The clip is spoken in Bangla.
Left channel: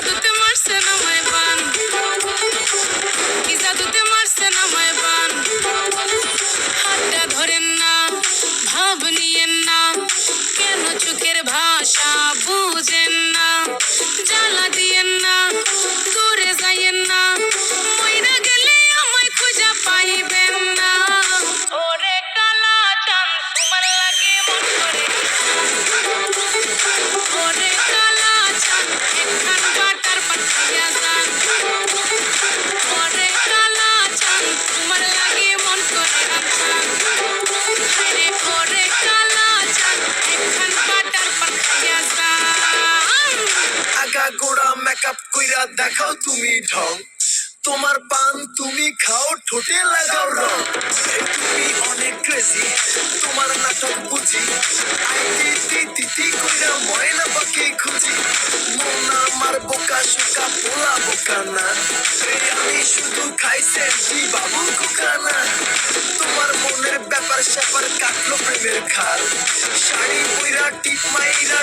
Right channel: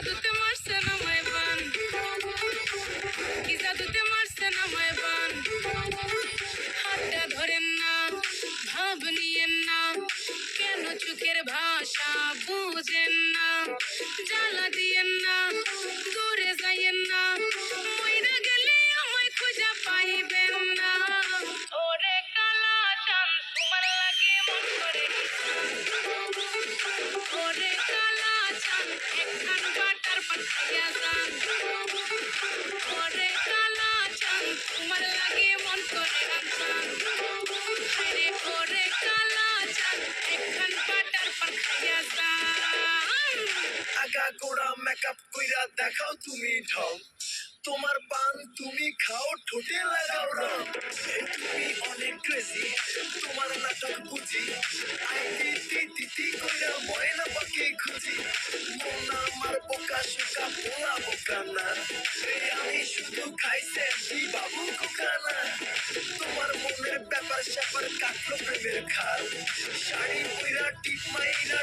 জাদুতে মারছেন আমায় বান, কি জাদুতে মারছেন আমায় বান। হাতটা ধরেন না, ভাব নিয়েন না, কেন চোখের ভাষা বুঝেন না। জ্বালা দিয়েন না, দূরে যাইয়েন না, মইরা গেলে আমায় খুঁজা পাইবেন না। ওরে কালা চাঁদ তোমার লাগে মন করে, ওরে কালা চাঁদ একখান বাটার পাঠাইয়া যান। ওরে কালা চাঁদ তোমার লাগে মন করে আনসান। আরে ওরে কালা চাঁদ একখান বাটার পাঠাইয়া যান। আগা গোড়া মেকআপ কইরা দেখাও তুমি ঢং, তোমার পান তুমি খাও ঠোঁটে লাগাও রং। এই তুমি অনেক ক্রেজি, তোমার নাটক বুঝি, আইটি তিতি কইরা ময়না পাখি খুঁজি। মন আমার বোকা শোকা পোলা বোকা না, এই আমি শুধু খাইছে কি বাবু কুকানা। তোমার মনের ব্যাপার স্যাপার কাটলো প্রেমের খাল, শাড়ি পইরা টিপ মাইরা